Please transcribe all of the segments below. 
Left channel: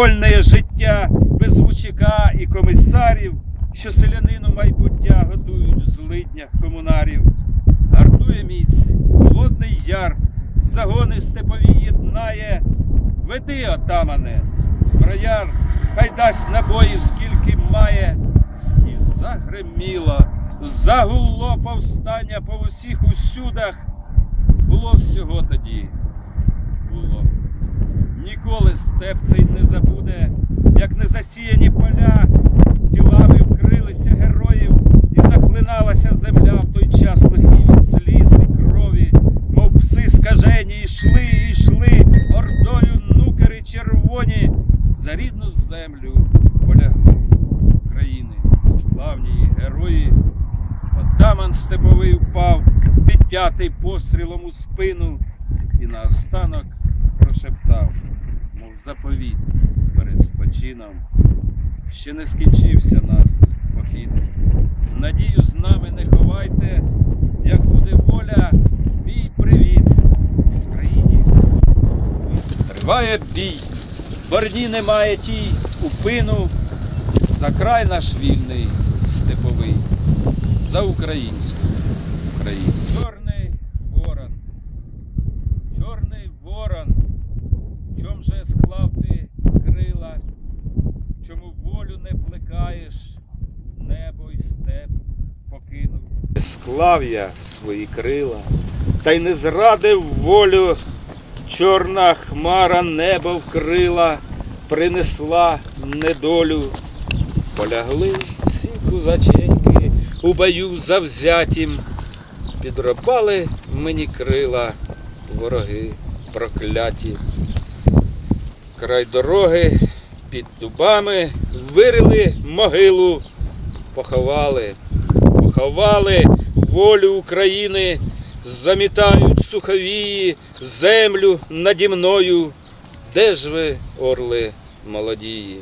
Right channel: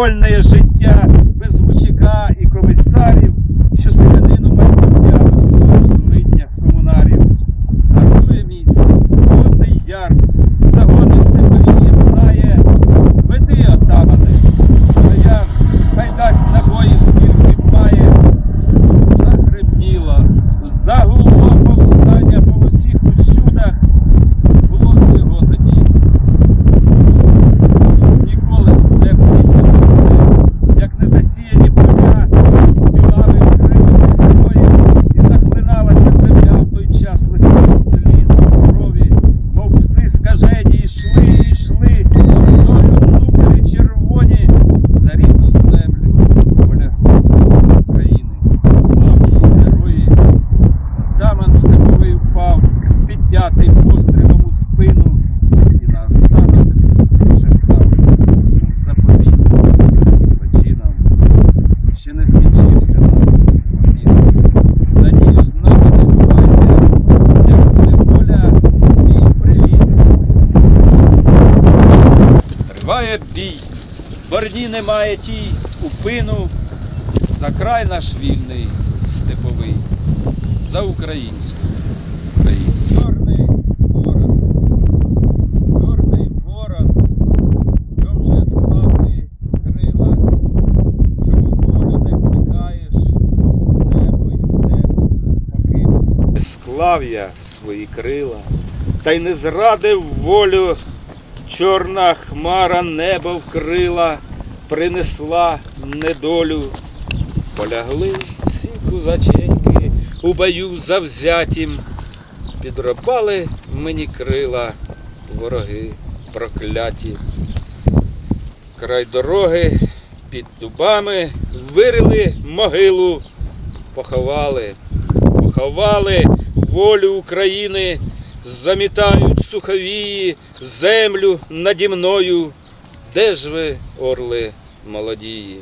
вольне життя без лучика і комісарів, що селянину майбуття готують злидня комунарів. Гартує міць, холодний яр, загони степові єднає. Веди, отамане, Триває бій, борні немає тій упину, за край наш вільний степовий, за українську Україну. Чорний ворон, чорний ворон, чом же склав ти крила, чому волю не плекаєш, небо й степ покинув. Склав я свої крила, та й не зрадив волю. Чорна хмара небо вкрила, принесла недолю. Полягли всі кузаченьки у бою завзятім, підропали мені крила, вороги прокляті. Край дороги під дубами вирили могилу, поховали, поховали волю України, замітають суховії, землю наді мною. Де ж ви, орли молодії?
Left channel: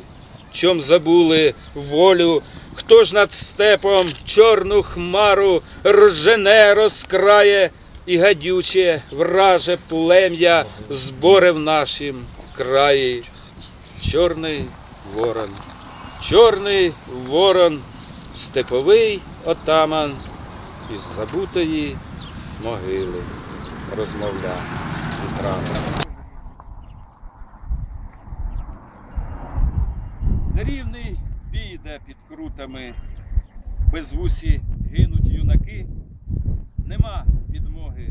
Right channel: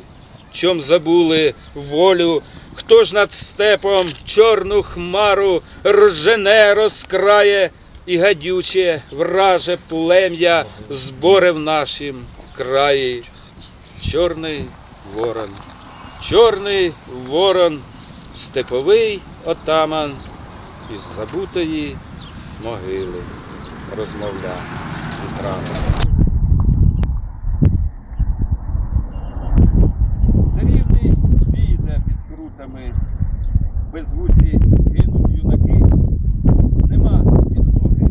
Чом забули волю? Хто ж над степом чорну хмару ржене розкрає і гадюче враже плем'я зборе в нашім краї? Чорний ворон, чорний ворон, степовий отаман із забутої могили розмовляв з вітрами. Нерівний бій йде під крутами, безвусі гинуть юнаки, нема підмоги,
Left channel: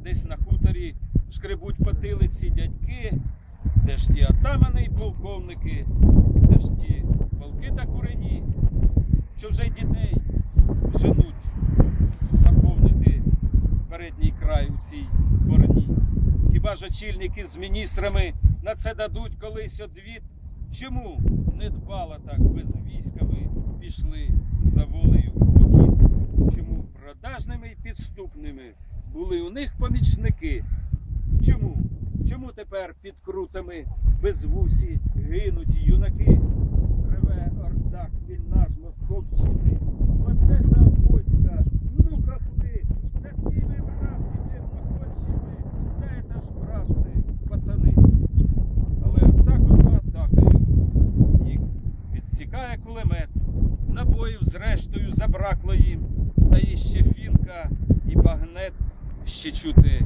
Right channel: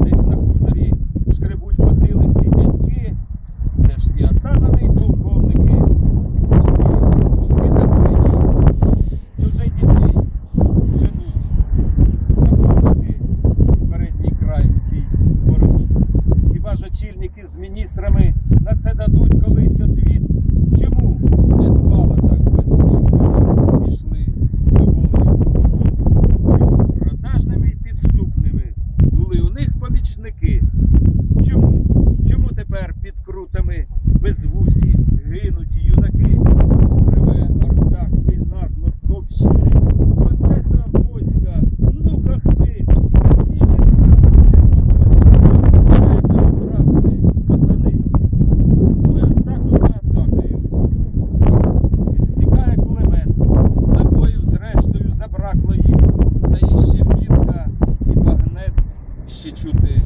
десь на хуторі шкребуть потилиці дядьки, де ж ті атамани й полковники, де ж ті полки та курені, що вже й дітей женуть заповнити передній край у цій борні. Хіба ж очільники з міністрами на це дадуть колись одвід? Чому не дбало так без військами пішли за волею? Чому продажними й підступними були у них помічники? Чому? Чому тепер під крутами безвусі гинуть юнаки? Реве орда хмільна з Московщини. Їм. Та іще фінка і багнет. Ще чути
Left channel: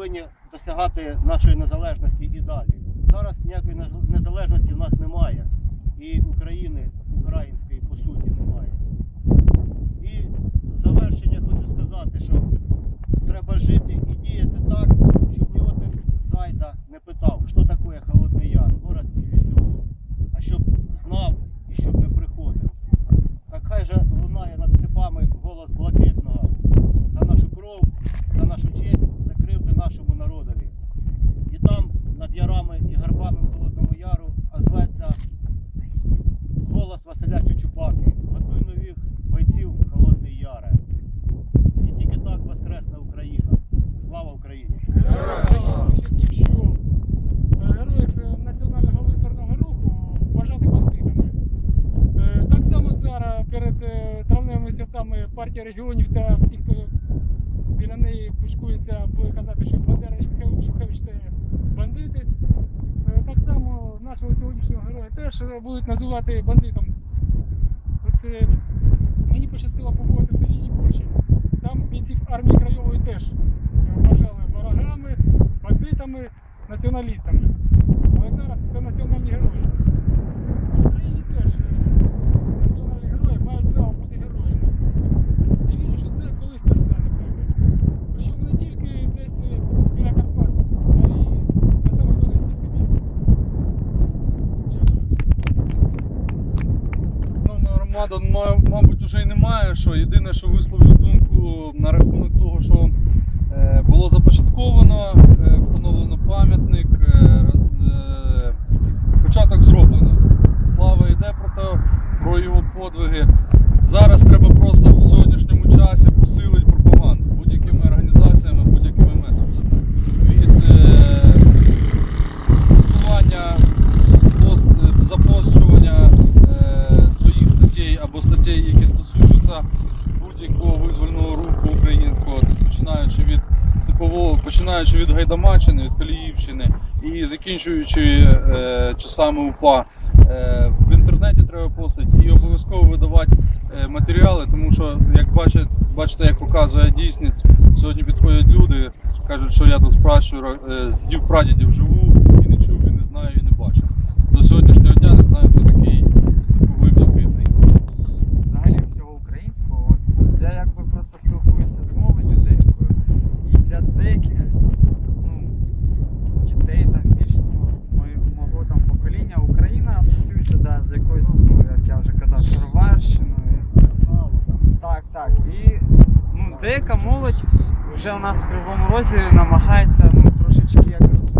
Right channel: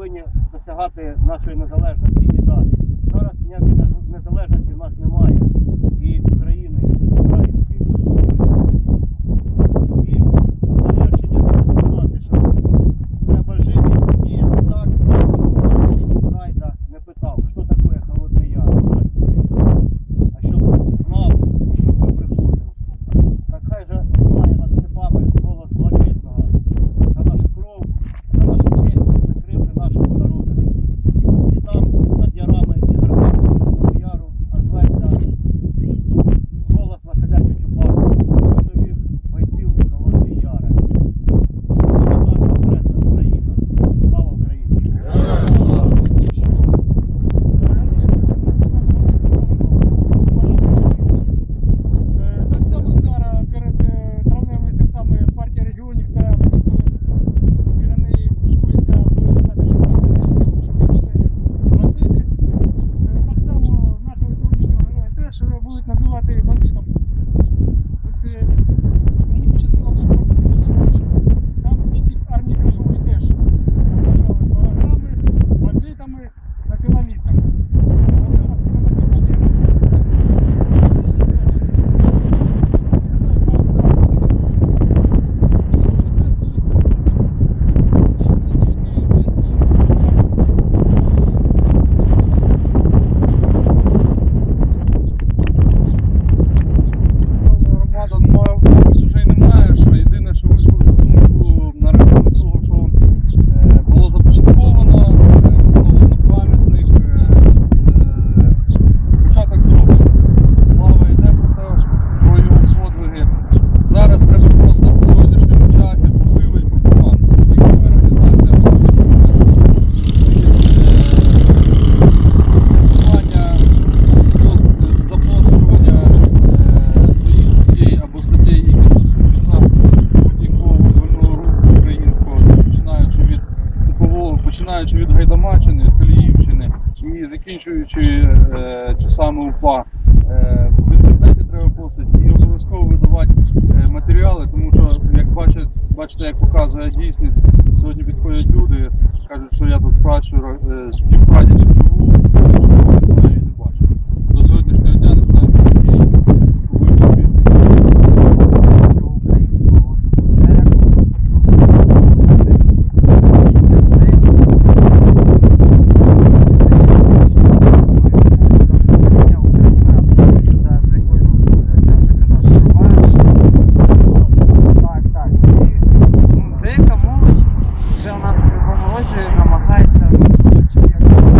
повинні досягати нашої незалежності і далі. Зараз ніякої незалежності в нас немає. І Україна. багато, ну, мабуть, вже й немає. що Єдине, що висловлю думку на рахунок того, що е, було започатковано. починаючи від Гайдамачини, від Коліївщини і закінчуючи е, часами УПА. Е, в інтернеті треба постати і обов'язково видавати е, матеріали, тому що, як бачите, бачите, як показує дійсність, сьогодні підходять люди, кажуть, що я тут спрашую пращурів, е, з дів прадідів живу. вже у нас в Кривому Розі намагається ну, трошечки як.